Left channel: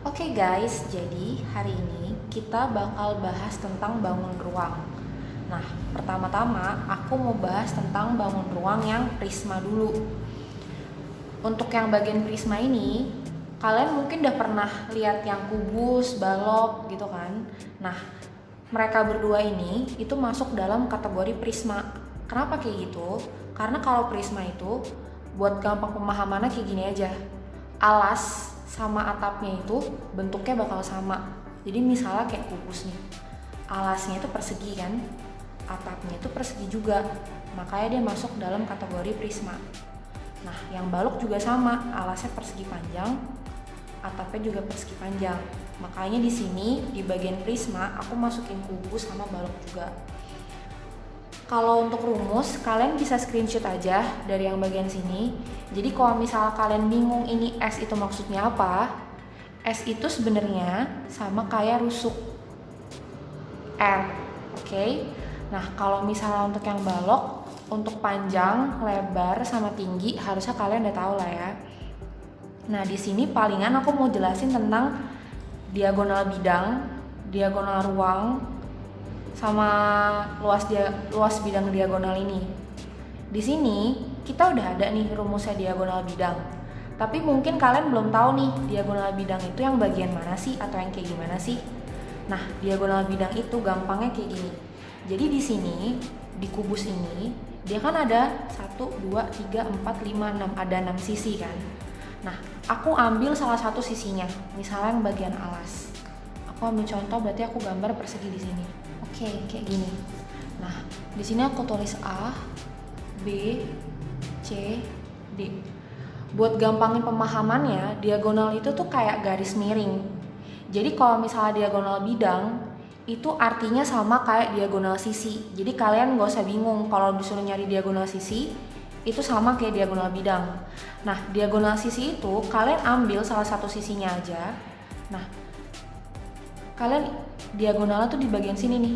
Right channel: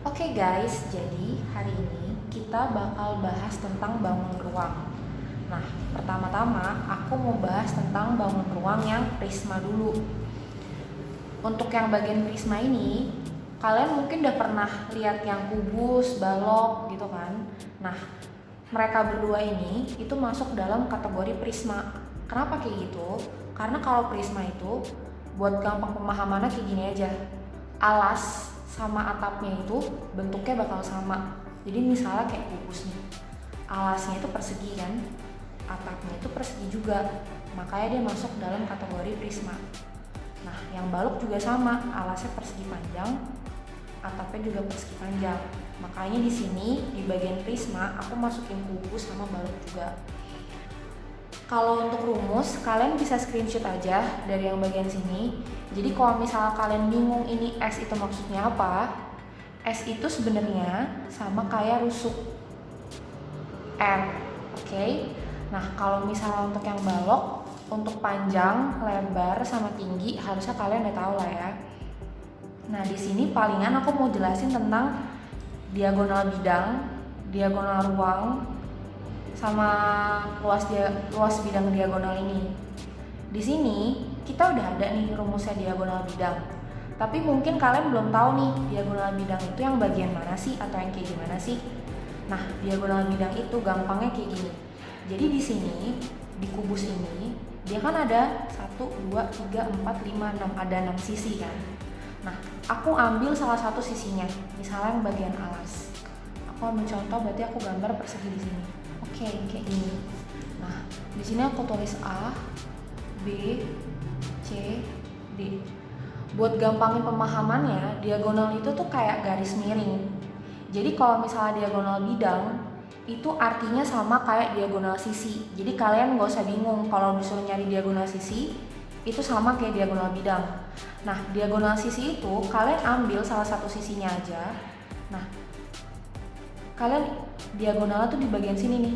Oke guys, jadi hari ini kita bakal bahas tentang bangun ruang. Nah, pertama-tama aku mau bahas tentang bangun ruang yang prisma dulu. Untuk yang bagian prisma ini, kalian mungkin udah pernah lihat yang kubus, balok gitu kan. Nah, mereka berdua ini itu masuk dalam kategori prisma. Kenapa kayak gitu? Karena kalau prisma itu buat gampang pemahamannya kayak gini aja. Alas sama atapnya itu bentuknya bakal sama. Jadi misalnya kayak kubus nih. Alasnya itu persegi kan, atapnya itu persegi juga. Makanya dia masuk dalam kategori prisma. Nah, yang balok juga sama, alasnya persegi panjang, atapnya juga persegi panjang. Makanya di sini di bagian prisma aku masukin kubus sama balok juga. Kalau untuk rumus, kalian bisa screenshot aja dari yang bagian sini. Jadi kalau misalnya kalian bingung ini S itu maksudnya apa, S itu sebenarnya sama kayak rusuk R, oke? Nah, kalau misalnya untuk yang balok, untuk panjang, lebar, sama tinggi harusnya kalian udah tahu lah ya. Nah, di sini palingan aku mau jelasin tentang diagonal bidang, diagonal ruang, sama luas bidang diagonal ini. Di sini kita udah ada nih rumusnya diagonal bidang. Tapi mungkin kalian belum tahu nih diagonal bidang itu yang bagian mana sih atau yang kayak gimana sih. Nah, diagonal bidang itu gampangnya kayak gini. Jadi di sini di kubus ini dia kan ada 1, 2, 3, 4, 5, 6, ada 6 sisi kan. Nah, aku ambil salah satu sisinya, misalnya yang bagian alas. Aku ambil contoh, berarti aku gambar persegi di sini. Oke, kayak gini. Nah, di sini aku tulis A, B, C, D. Buat gampangin pemahamannya, diagonal itu tuh kayak garis miring. Jadi kalau misalnya diagonal bidang, itu artinya sama kayak diagonal sisi. Jadi kalian gak usah bingung kalau disuruh nyari diagonal sisi, itu sama kayak diagonal bidang. Nah, diagonal sisi itu kalian ambil salah satu sisinya aja. Nah, kalian diagonalnya tuh di bagian sini nih.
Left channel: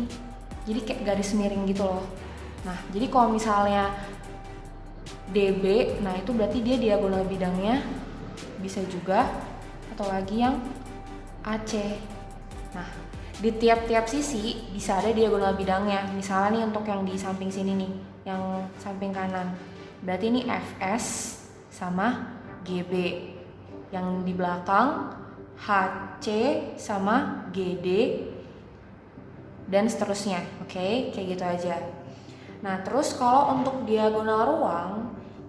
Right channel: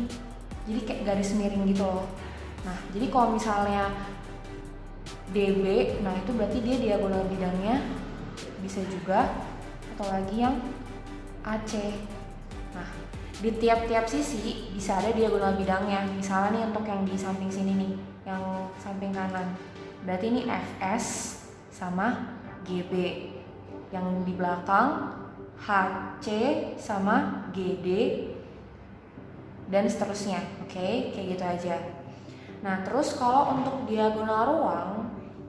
Jadi kayak garis miring gitu loh. Nah, jadi kalau misalnya DB, nah itu berarti dia diagonal bidangnya bisa juga, atau lagi yang AC. Nah, di tiap-tiap sisi bisa ada diagonal bidangnya. Misalnya nih untuk yang di samping sini nih, yang samping kanan. Berarti ini FS sama GB. Yang di belakang HC sama GD dan seterusnya. Oke, kayak gitu aja. Nah, terus kalau untuk diagonal ruang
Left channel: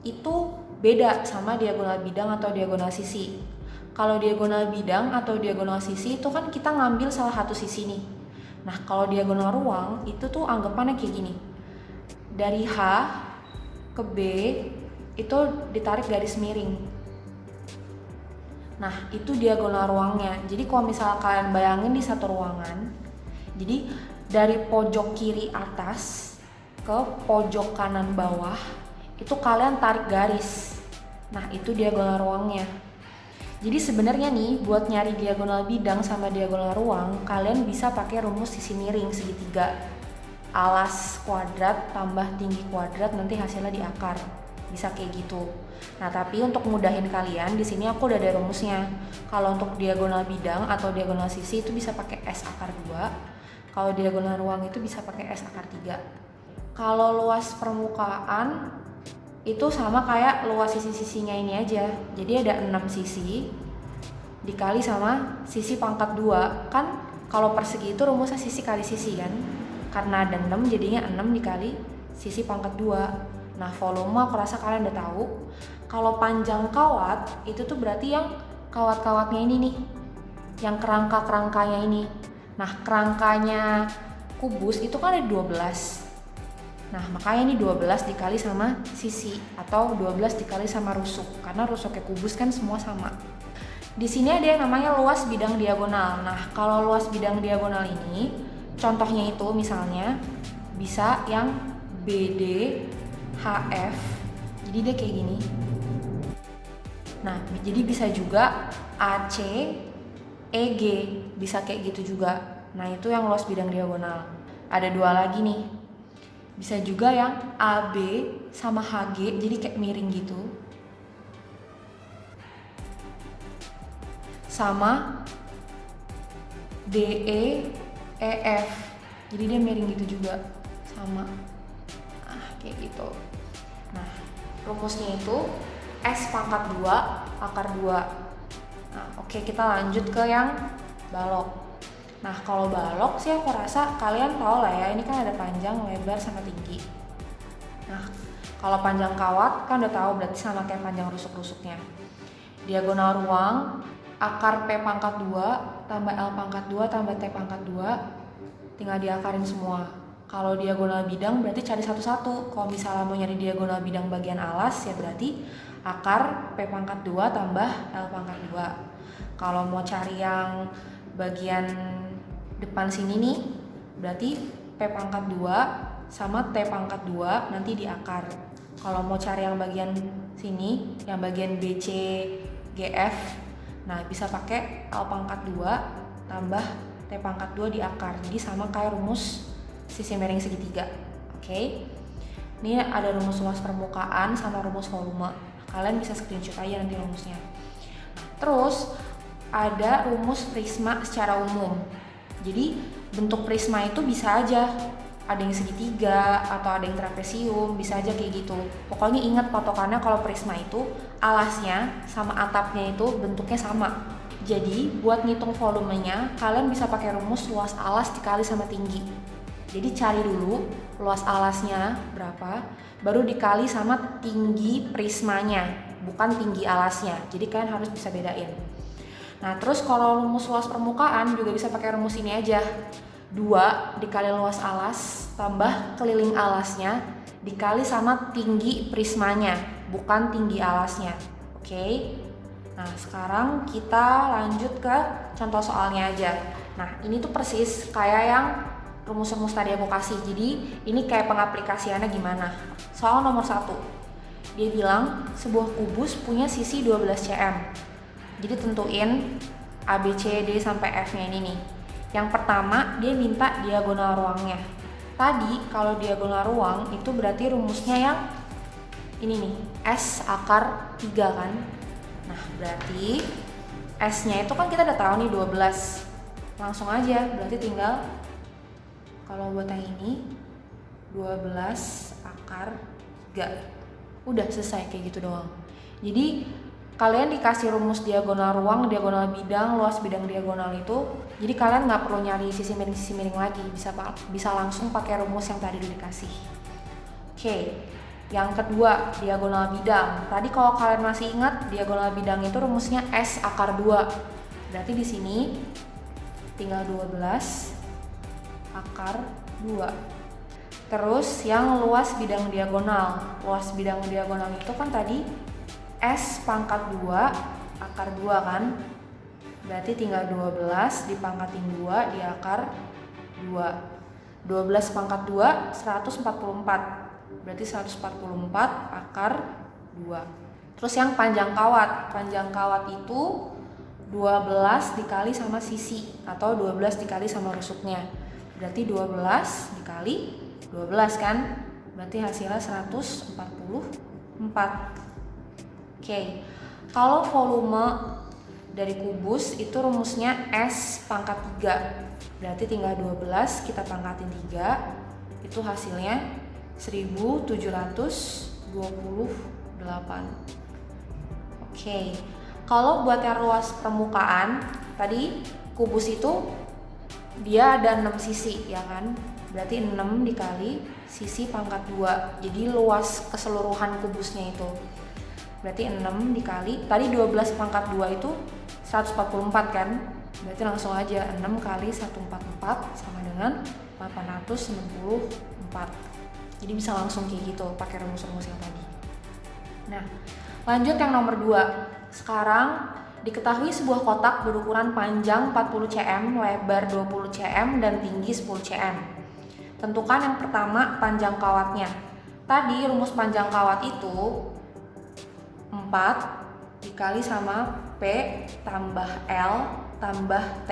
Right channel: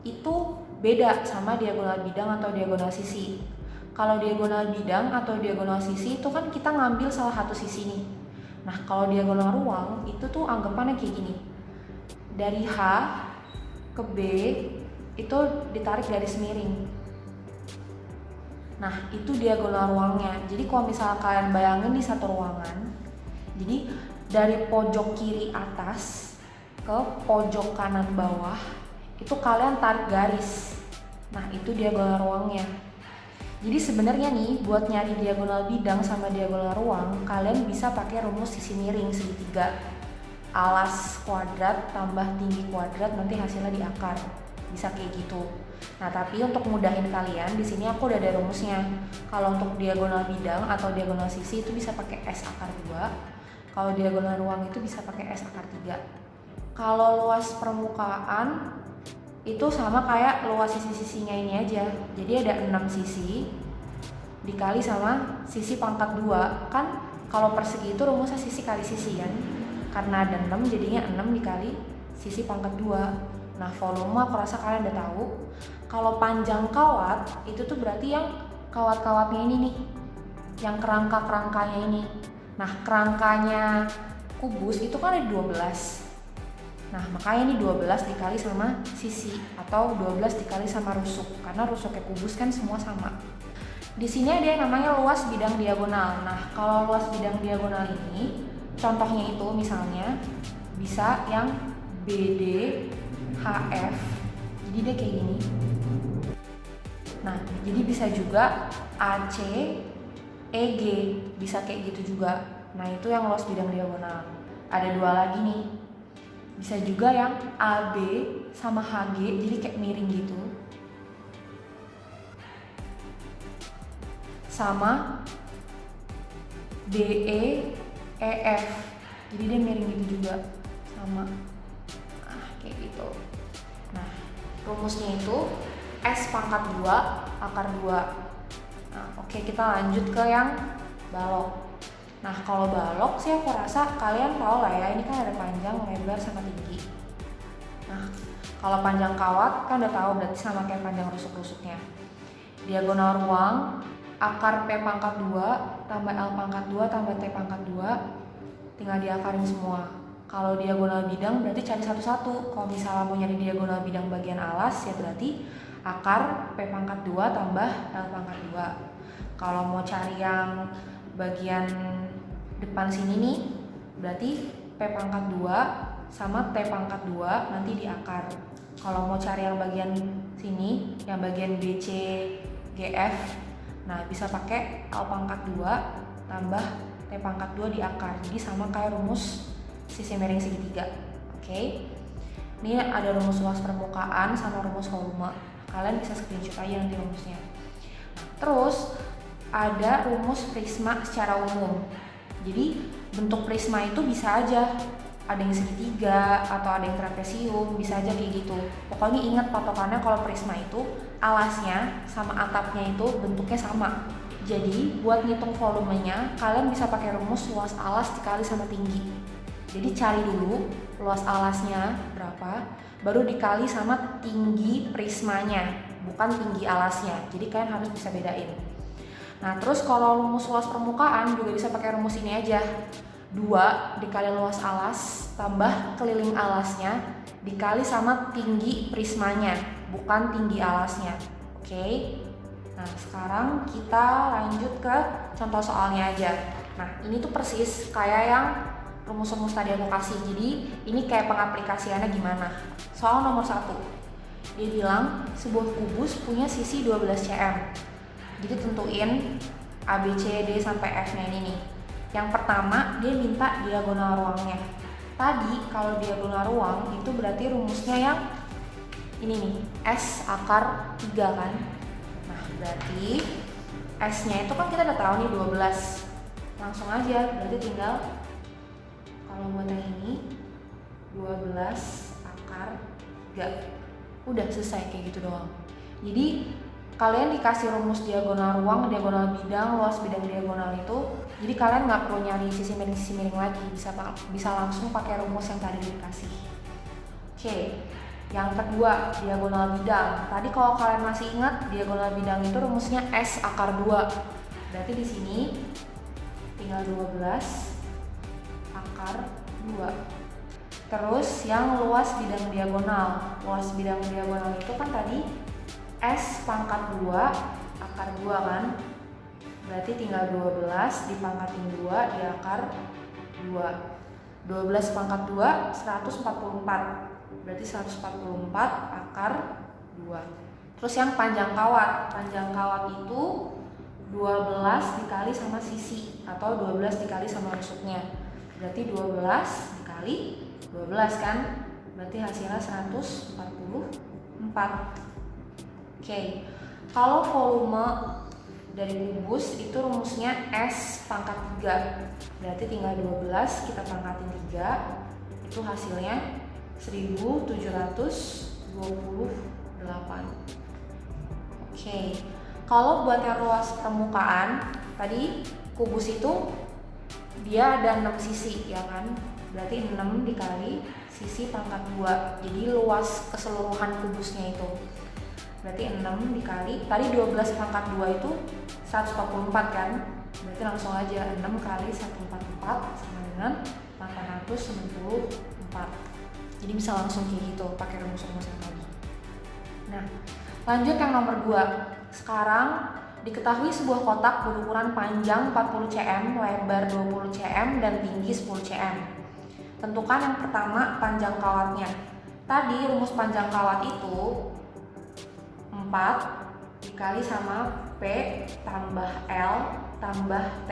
itu beda sama diagonal bidang atau diagonal sisi. Kalau diagonal bidang atau diagonal sisi itu kan kita ngambil salah satu sisi nih. Nah, kalau diagonal ruang itu tuh anggapannya kayak gini. Dari H ke B itu ditarik garis miring. Nah, itu diagonal ruangnya. Jadi kalau misalnya kalian bayangin di satu ruangan, jadi dari pojok kiri atas ke pojok kanan bawah itu kalian tarik garis. Nah, itu diagonal ruangnya. Jadi sebenarnya nih buat nyari diagonal bidang sama diagonal ruang, kalian bisa pakai rumus sisi miring segitiga. Alas kuadrat tambah tinggi kuadrat, nanti hasilnya di akar. Bisa kayak gitu. Nah, tapi untuk mudahin kalian, di sini aku udah ada rumusnya. Kalau untuk diagonal bidang atau diagonal sisi itu bisa pakai S akar 2. Kalau diagonal ruang itu bisa pakai S akar 3. Kalau luas permukaan itu sama kayak luas sisi-sisinya ini aja. Jadi ada 6 sisi dikali sama sisi pangkat 2. Kan kalau persegi itu rumusnya sisi kali sisi kan. Karena ada 6 jadinya 6 dikali sisi pangkat 2. Nah, volume aku rasa kalian udah tahu. Kalau panjang kawat itu tuh berarti yang kawat-kawatnya ini nih. Yang kerangka-kerangkanya ini. Nah, kerangkanya kubus itu kan ada 12. Nah, makanya ini 12 dikali sama sisi atau 12 dikali sama rusuk, karena rusuknya kubus kan semua sama. Di sini ada yang namanya luas bidang diagonal. Nah, kalau luas bidang diagonal ini contohnya itu misalnya bisa yang BD HF. Jadi dia kayak gini. Nah, jadi bisa juga AC EG, bisa kayak gitu juga. Nah, itu yang luas bidang diagonal. Ada 2 lagi nih. Bisa juga yang AB sama HG, jadi kayak miring gitu. Sama DE EF. Jadi dia miring gitu juga, sama. Nah, kayak gitu. Nah, rumusnya itu S pangkat 2 akar 2. Nah, oke, kita lanjut ke yang balok. Nah, kalau balok sih aku rasa kalian tahu lah ya, ini kan ada panjang, lebar, sama tinggi. Nah, kalau panjang kawat kan udah tahu, berarti sama kayak panjang rusuk-rusuknya. Diagonal ruang, akar P pangkat 2 tambah L pangkat 2 tambah T pangkat 2, tinggal diakarin semua. Kalau diagonal bidang berarti cari satu-satu. Kalau misalnya mau nyari diagonal bidang bagian alas, ya berarti akar P pangkat 2 tambah L pangkat 2. Kalau mau cari yang bagian depan sini nih, berarti P pangkat 2 sama T pangkat 2 nanti diakar. Kalau mau cari yang bagian sini, yang bagian BC GF, nah bisa pakai L pangkat 2 tambah T pangkat 2 diakar. Jadi sama kayak rumus sisi miring segitiga. Oke. Ini ada rumus luas permukaan sama rumus volume. Kalian bisa screenshot aja nanti rumusnya. Terus ada rumus prisma secara umum. Jadi bentuk prisma itu bisa aja ada yang segitiga atau ada yang trapesium, bisa aja kayak gitu. Pokoknya ingat patokannya kalau prisma itu alasnya sama atapnya itu bentuknya sama. Jadi buat ngitung volumenya kalian bisa pakai rumus luas alas dikali sama tinggi. Jadi cari dulu luas alasnya berapa, baru dikali sama tinggi prismanya, bukan tinggi alasnya. Jadi kalian harus bisa bedain. Nah, terus kalau rumus luas permukaan juga bisa pakai rumus ini aja. 2 dikali luas alas tambah keliling alasnya dikali sama tinggi prismanya, bukan tinggi alasnya. Oke. Nah, sekarang kita lanjut ke contoh soalnya aja. Nah, ini tuh persis kayak yang rumus-rumus tadi aku kasih. Jadi, ini kayak pengaplikasiannya gimana. Soal nomor 1. Dia bilang sebuah kubus punya sisi 12 cm. Jadi tentuin A, B, C, D sampai F-nya ini nih. Yang pertama, dia minta diagonal ruangnya. Tadi kalau diagonal ruang itu berarti rumusnya yang ini nih, S akar 3 kan. Nah, berarti S-nya itu kan kita udah tahu nih 12. Langsung aja, berarti tinggal kalau buat yang ini 12 akar 3. Udah selesai kayak gitu doang. Jadi kalian dikasih rumus diagonal ruang, diagonal bidang, luas bidang diagonal itu, jadi kalian nggak perlu nyari sisi miring lagi, bisa langsung pakai rumus yang tadi dikasih. Oke. Yang kedua, diagonal bidang. Tadi kalau kalian masih ingat, diagonal bidang itu rumusnya S akar 2. Berarti di sini tinggal 12 akar 2. Terus yang luas bidang diagonal. Luas bidang diagonal itu kan tadi S pangkat 2 akar 2 kan. Berarti tinggal 12 dipangkatin 2 diakar 2. 12 pangkat 2 144. Berarti 144 akar 2. Terus yang panjang kawat. Panjang kawat itu 12 dikali sama sisi atau 12 dikali sama rusuknya. Berarti 12 dikali 12 kan. Berarti hasilnya 144. Oke. Kalau volume dari kubus itu rumusnya S pangkat 3. Berarti tinggal 12 kita pangkatin 3. Itu hasilnya 1728. Oke. Kalau buat yang luas permukaan, tadi kubus itu dia ada 6 sisi ya kan. Berarti 6 dikali sisi pangkat 2. Jadi luas keseluruhan kubusnya itu. Berarti 6 dikali, tadi 12 pangkat 2 itu 144 kan. Berarti langsung aja 6 kali 144 sama dengan 894. Jadi bisa langsung kayak gitu pakai rumus-rumus yang tadi. Nah, lanjut yang nomor 2. Sekarang diketahui sebuah kotak berukuran panjang 40 cm, lebar 20 cm dan tinggi 10 cm. Tentukan yang pertama panjang kawatnya. Tadi rumus panjang kawat itu 4 dikali sama P tambah L tambah T.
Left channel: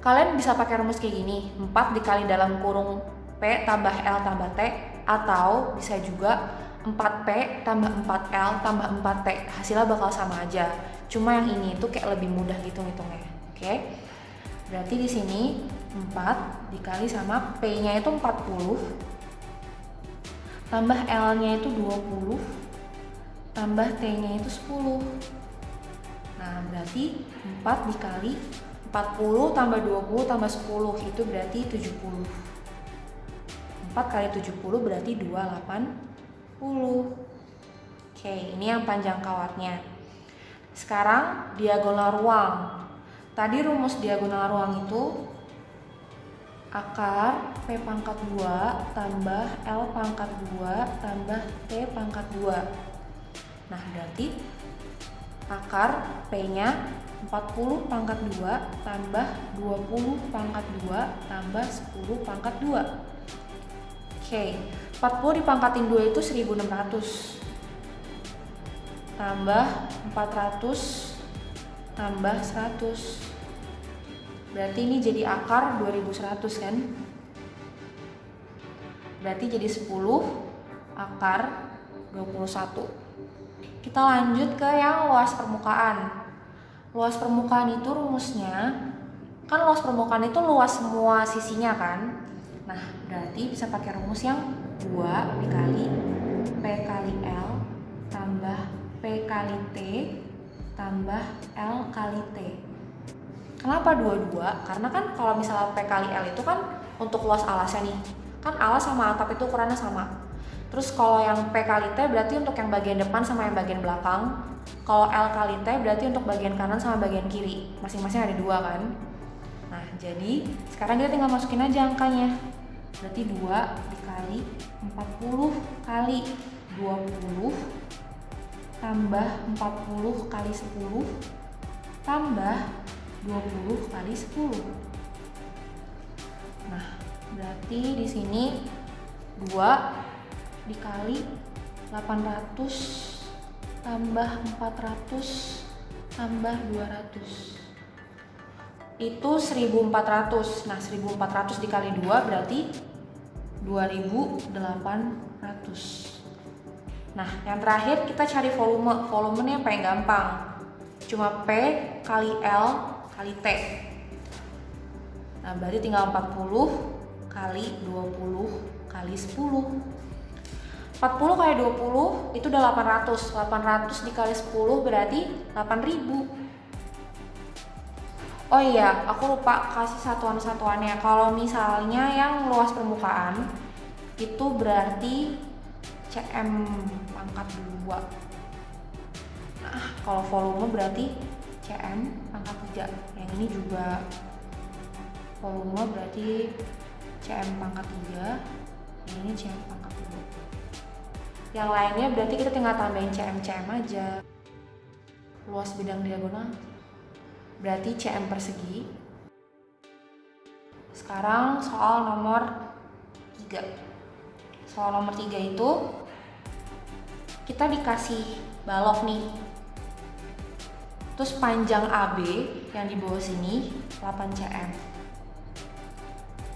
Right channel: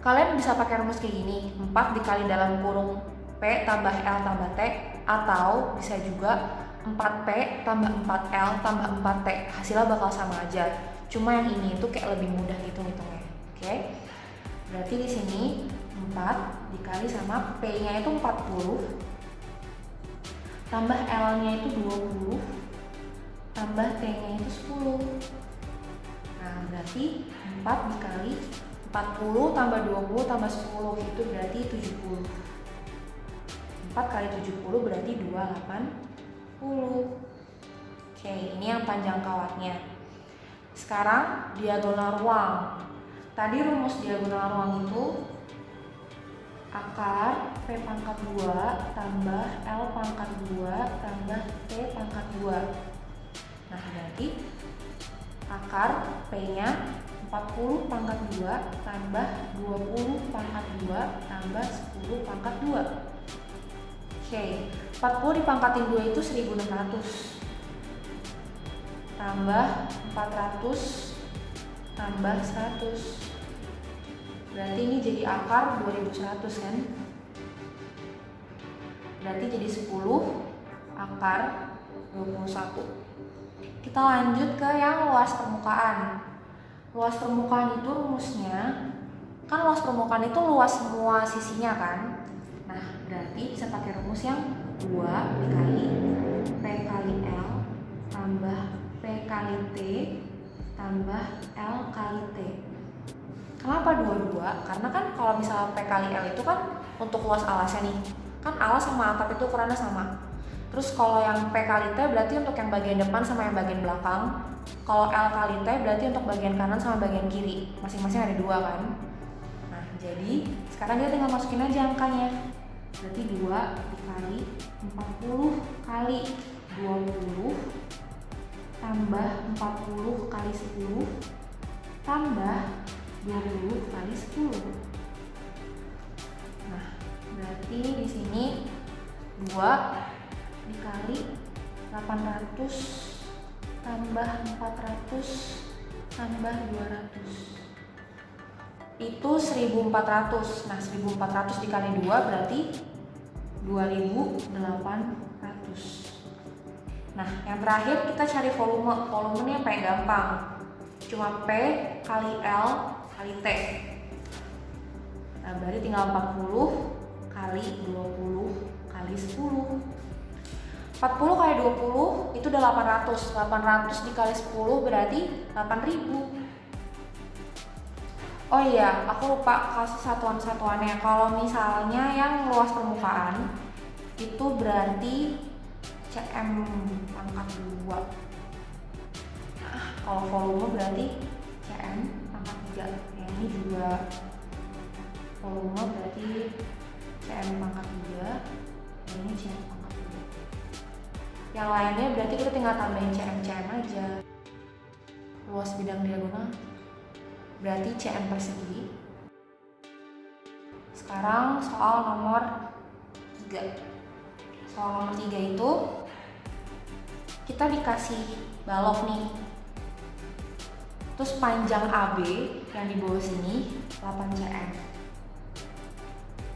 Kalian bisa pakai rumus kayak gini, 4 dikali dalam kurung P tambah L tambah T, atau bisa juga 4P tambah 4L tambah 4T. Hasilnya bakal sama aja, cuma yang ini tuh kayak lebih mudah gitu ngitungnya. Oke. Berarti di sini 4 dikali sama P-nya itu 40 tambah L-nya itu 20 tambah T-nya itu 10. Nah, berarti 4 dikali 40 tambah 20 tambah 10 itu berarti 70. 4 kali 70 berarti 280. Oke, ini yang panjang kawatnya. Sekarang diagonal ruang. Tadi rumus diagonal ruang itu akar P pangkat 2 tambah L pangkat 2 tambah T pangkat 2. Nah, berarti akar P-nya 40 pangkat 2 tambah 20 pangkat 2 tambah 10 pangkat 2. Oke, 40 dipangkatin 2 itu 1600 tambah 400 tambah 100. Berarti ini jadi akar 2100 kan? Berarti jadi 10 akar 21. Kita lanjut ke yang luas permukaan. Luas permukaan itu rumusnya, kan luas permukaan itu luas semua sisinya kan? Nah, berarti bisa pakai rumus yang 2 dikali P kali L tambah P kali T tambah L kali T. Kenapa 22? Karena kan kalau misalnya P kali L itu kan untuk luas alasnya nih, kan alas sama atap itu ukurannya sama. Terus kalau yang P kali T berarti untuk yang bagian depan sama yang bagian belakang. Kalau L kali T berarti untuk bagian kanan sama bagian kiri, masing-masing ada 2 kan. Nah, jadi sekarang kita tinggal masukin aja angkanya. Berarti 2 dikali 40 kali 20 tambah 40 kali 10 tambah 20 kali 10. Nah, berarti di sini 2 dikali 800 tambah 400 tambah 200. Itu 1400. Nah, 1400 dikali 2 berarti 2800. Nah, yang terakhir kita cari volume. Volumenya paling gampang. Cuma P kali L kali T. Nah, berarti tinggal 40 kali 20 kali 10. 40 kali 20 itu udah 800. 800 dikali 10 berarti 8000. Oh iya, aku lupa kasih satuan-satuannya. Kalau misalnya yang luas permukaan itu berarti cm pangkat 2. Kalau volume berarti cm pangkat 3. Yang ini juga volume berarti cm pangkat 3. Ini cm pangkat 2. Yang lainnya berarti kita tinggal tambahin cm aja. Luas bidang diagonal berarti cm persegi. Sekarang soal nomor 3. Soal nomor 3 itu kita dikasih balok nih. Terus panjang AB yang di bawah sini 8 cm.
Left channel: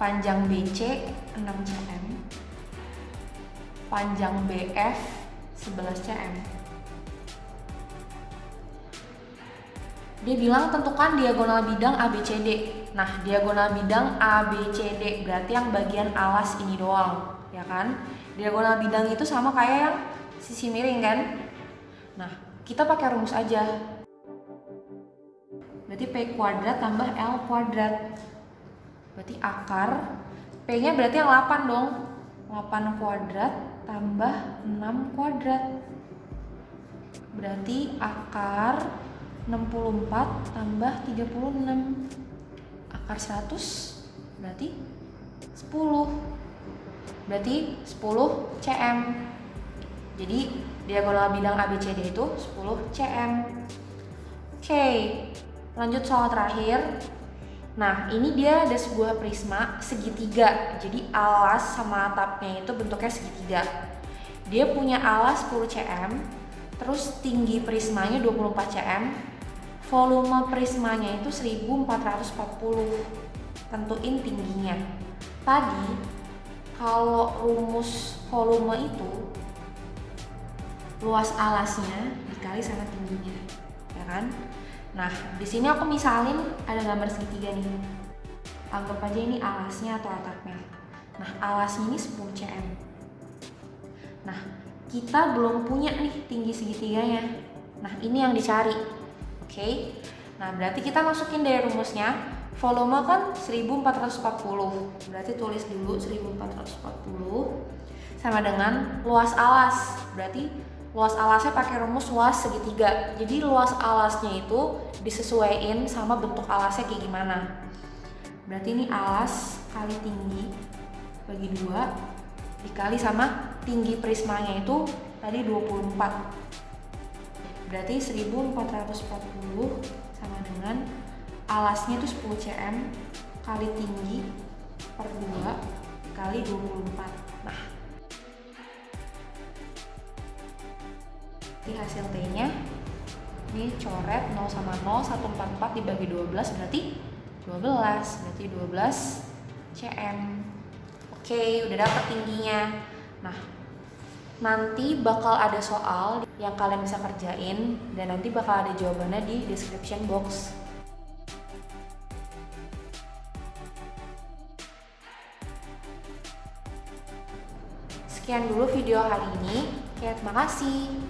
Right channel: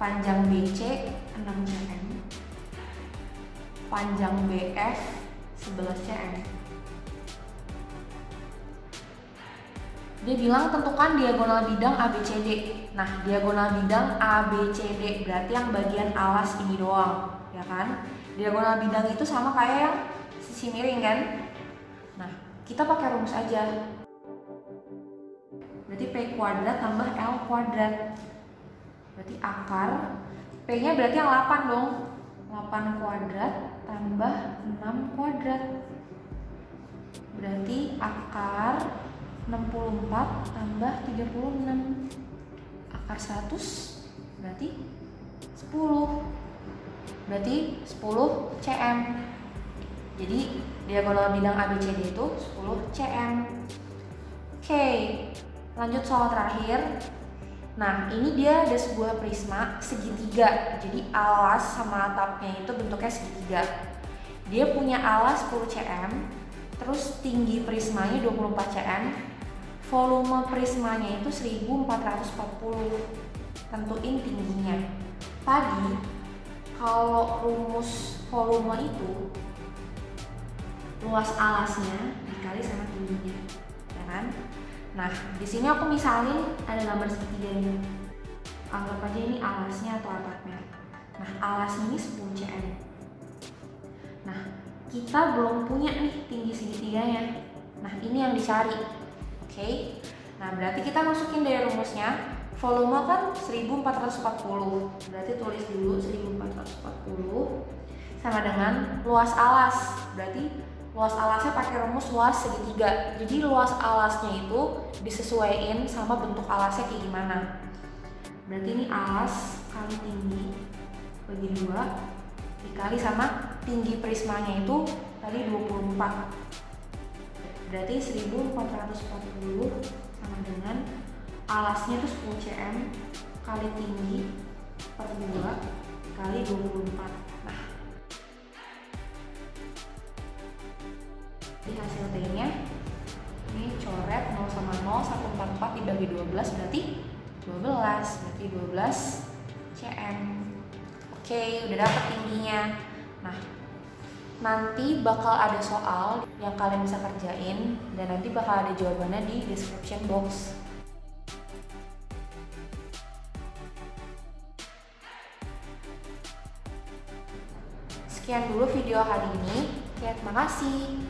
Panjang BC 6 cm. Panjang BF 11 cm. Dia bilang tentukan diagonal bidang ABCD. Nah, diagonal bidang ABCD berarti yang bagian alas ini doang, ya kan? Diagonal bidang itu sama kayak yang sisi miring kan? Nah, kita pakai rumus aja. Berarti P kuadrat tambah L kuadrat. Berarti akar P-nya berarti yang 8 dong. 8 kuadrat tambah 6 kuadrat. Berarti akar 64 tambah 36. Akar 100 berarti 10. Berarti 10 cm. Jadi diagonal bidang ABCD itu 10 cm. Oke, lanjut soal terakhir. Nah, ini dia ada sebuah prisma segitiga. Jadi alas sama atapnya itu bentuknya segitiga. Dia punya alas 10 cm, terus tinggi prismanya 24 cm. Volume prismanya itu 1440. Tentuin tingginya. Tadi kalau rumus volume itu luas alasnya dikali sama tingginya, ya kan? Nah, di sini aku misalin ada gambar segitiga nih. Anggap aja ini alasnya atau atapnya. Nah, alasnya ini 10 cm. Nah, kita belum punya nih tinggi segitiganya. Nah, ini yang dicari. Oke. Nah, berarti kita masukin dari rumusnya. Volume kan 1440. Berarti tulis dulu 1440 sama dengan luas alas. Berarti luas alasnya pakai rumus luas segitiga. Jadi luas alasnya itu disesuaikan sama bentuk alasnya kayak gimana. Berarti ini alas kali tinggi bagi 2 dikali sama tinggi prismanya itu tadi 24. Berarti 1440 sama dengan alasnya itu 10 cm kali tinggi per 2 kali 24. Nah, di hasil T-nya ini coret 0 sama 0, 144 dibagi 12 berarti 12, berarti 12 cm. Oke, udah dapet tingginya. Nah, nanti bakal ada soal yang kalian bisa kerjain dan nanti bakal ada jawabannya di description box. Sekian dulu video hari ini. Terima kasih.